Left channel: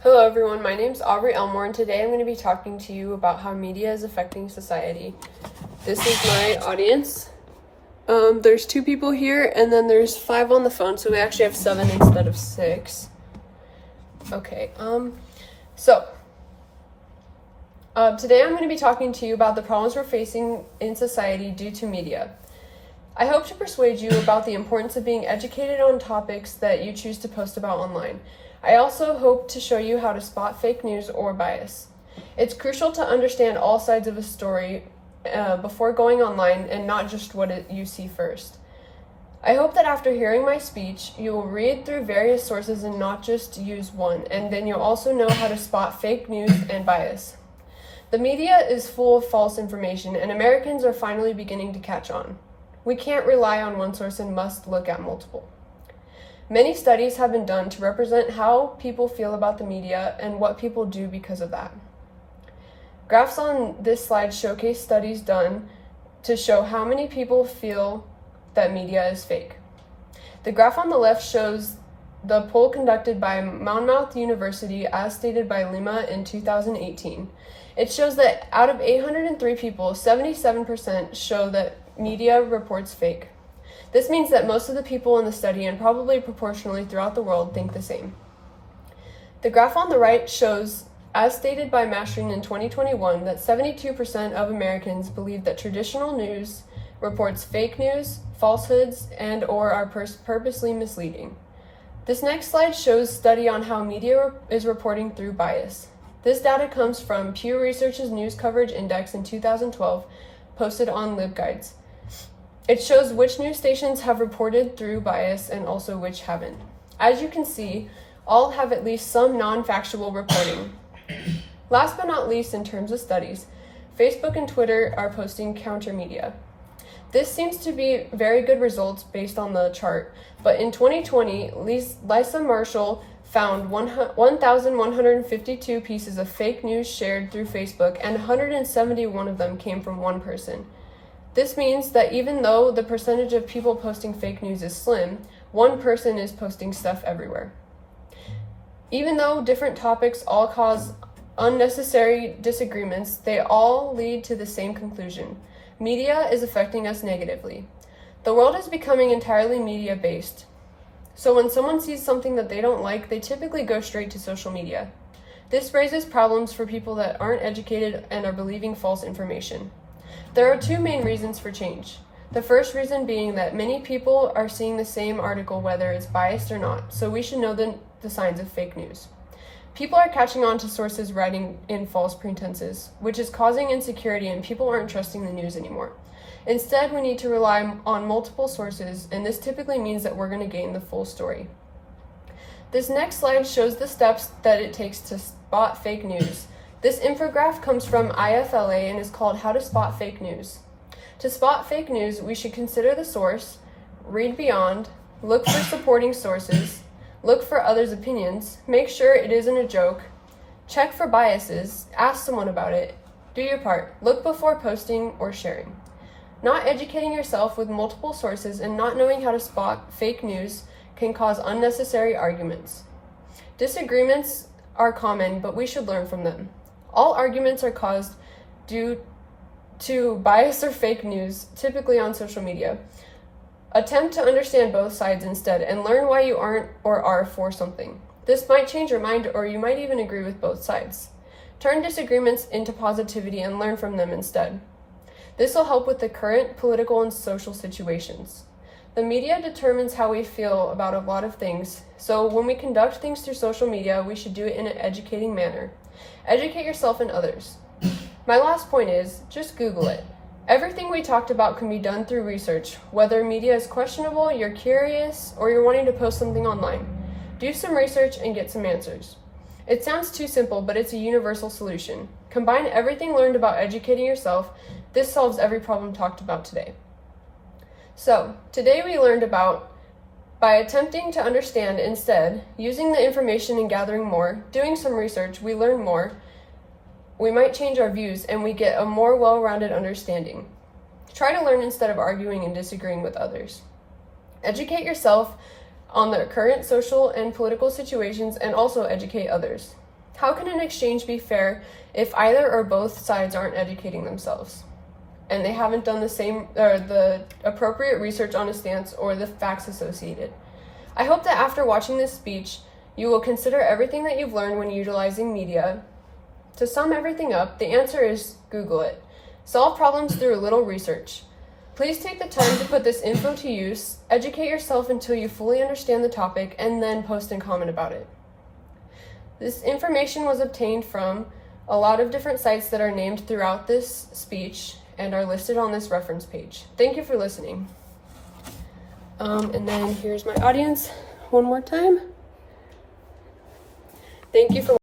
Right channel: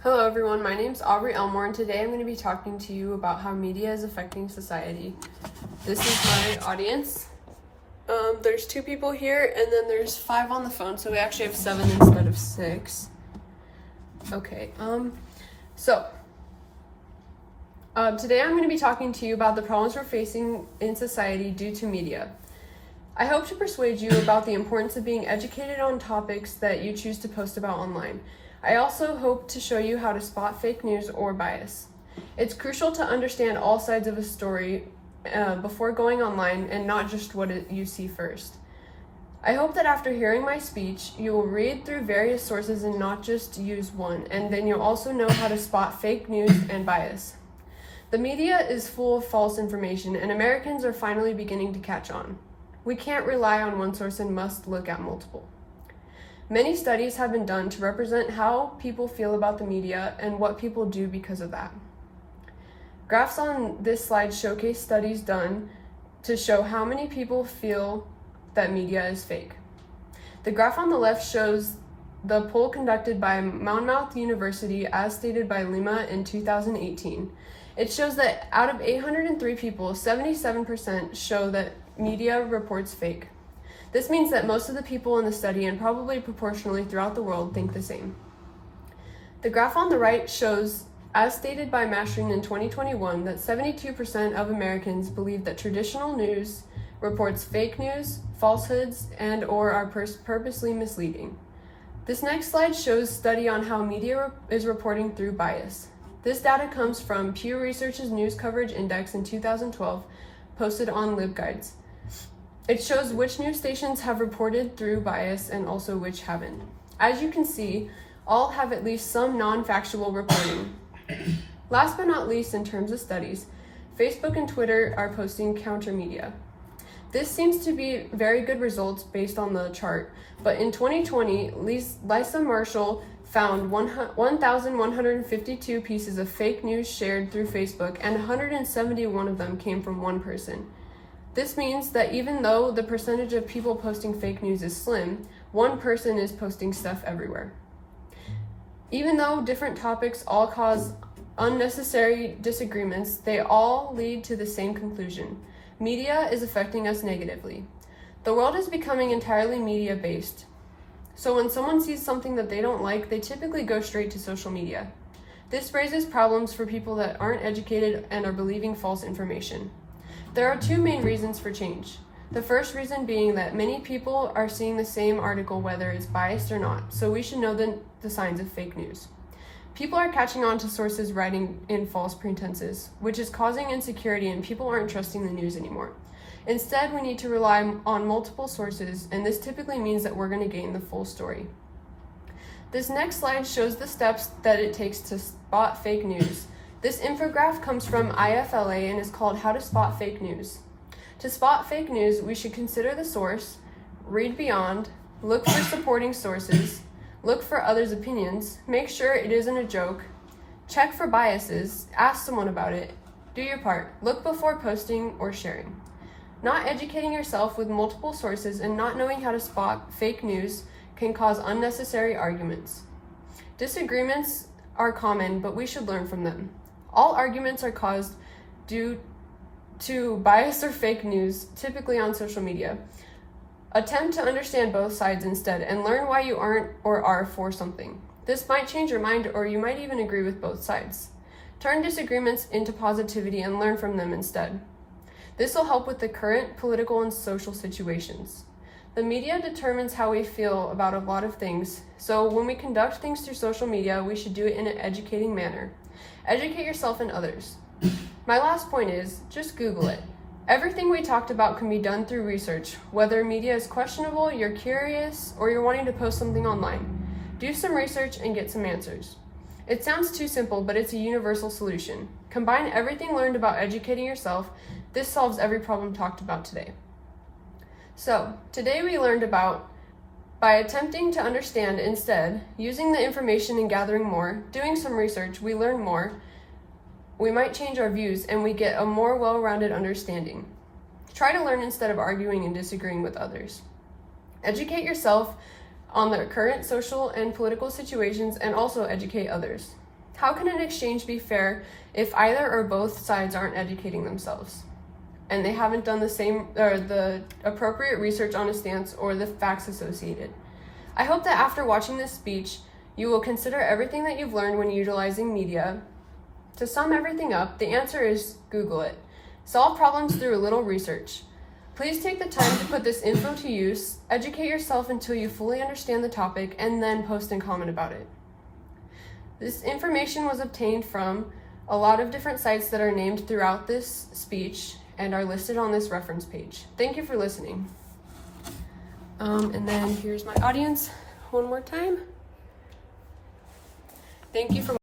Hello everyone, my name's Aubrey Elmore and today I'm going to be talking to you about how media is affecting society. This is my audience. There's 2 people here and then there's 5 on the phone, so we actually have 7 instead of 6. Okay, today I'm going to be talking to you about the problems we're facing in society due to media. I hope to persuade you about the importance of being educated on topics that you choose to post about online. I also hope to show you how to spot fake news or bias. It's crucial to understand all sides of a story before going online and not just what you see first. I hope that after hearing my speech, you will read through various sources and not just use one, and then you'll also know how to spot fake news and bias. The media is full of false information, and Americans are finally beginning to catch on. We can't rely on one source and must look at multiple. Many studies have been done to represent how people feel about the media and what people do because of that. Graphs on this slide showcase studies done to show how many people feel that media is fake. The graph on the left shows the poll conducted by Monmouth University as stated by Lima in 2018. It shows that out of 803 people, 77% show that media reports fake. This means that most of the people in the study, and probably proportionally throughout the world, think the same. The graph on the right shows, as stated by Mashrin in 2021, that 72% of Americans believe that traditional news reports fake news, falsehoods, and/or are purposely misleading. This next slide shows study on how media is reporting through bias. This data comes from Pew Research's News Coverage Index in 2012, posted on LibGuides. It shows which news stations have reported through bias and also which haven't. As you can see, all have at least some non-factual reporting. Last but not least, in terms of studies, Facebook and Twitter are posting counter media. This seems to be very good results based on the chart, but in 2020, Lisa Marshall found 1,152 pieces of fake news shared through Facebook, and 171 of them came from one person. This means that even though the percentage of people posting fake news is slim, one person is posting stuff everywhere. Even though different topics all cause unnecessary disagreements, they all lead to the same conclusion. Media is affecting us negatively. The world is becoming entirely media-based. So when someone sees something that they don't like, they typically go straight to social media. This raises problems for people that aren't educated and are believing false information. There are 2 main reasons for change. The first reason being that many people are seeing the same article whether it's biased or not, so we should know the signs of fake news. People are catching on to sources writing in false pretenses, which is causing insecurity and people aren't trusting the news anymore. Instead, we need to rely on multiple sources, and this typically means that we're going to gain the full story. This next slide shows the steps that it takes to spot fake news. This infographic comes from IFLA and is called How to Spot Fake News. To spot fake news, we should consider the source, read beyond, look for supporting sources, look for others' opinions, make sure it isn't a joke, check for biases, ask someone about it, do your part, look before posting or sharing. Not educating yourself with multiple sources and not knowing how to spot fake news can cause unnecessary arguments. Disagreements are common, but we should learn from them. All arguments are caused due to bias or fake news, typically on social media. Attempt to understand both sides instead and learn why you aren't or are for something. This might change your mind, or you might even agree with both sides. Turn disagreements into positivity and learn from them instead. This will help with the current political and social situations. The media determines how we feel about a lot of things, so when we conduct things through social media, we should do it in an educating manner. Educate yourself and others. My last point is, just Google it. Everything we talked about can be done through research, whether media is questionable, you're curious, or you're wanting to post something online. Do some research and get some answers. It sounds too simple, but it's a universal solution. Combine everything learned about educating yourself. This solves every problem talked about today. So, today we learned about, by attempting to understand instead, using the information and gathering more, doing some research, we learn more, we might change our views, and we get a more well-rounded understanding. Try to learn instead of arguing and disagreeing with others. Educate yourself on the current social and political situations and also educate others. How can an exchange be fair if either or both sides aren't educating themselves and they haven't done the appropriate research on a stance or the facts associated? I hope that after watching this speech, you will consider everything that you've learned when utilizing media. To sum everything up, the answer is Google it. Solve problems through a little research. Please take the time to put this info to use, educate yourself until you fully understand the topic, and then post and comment about it. This information was obtained from a lot of different sites that are named throughout this speech and are listed on this reference page. Thank you for listening. And then here's my audience one more time. Thank you for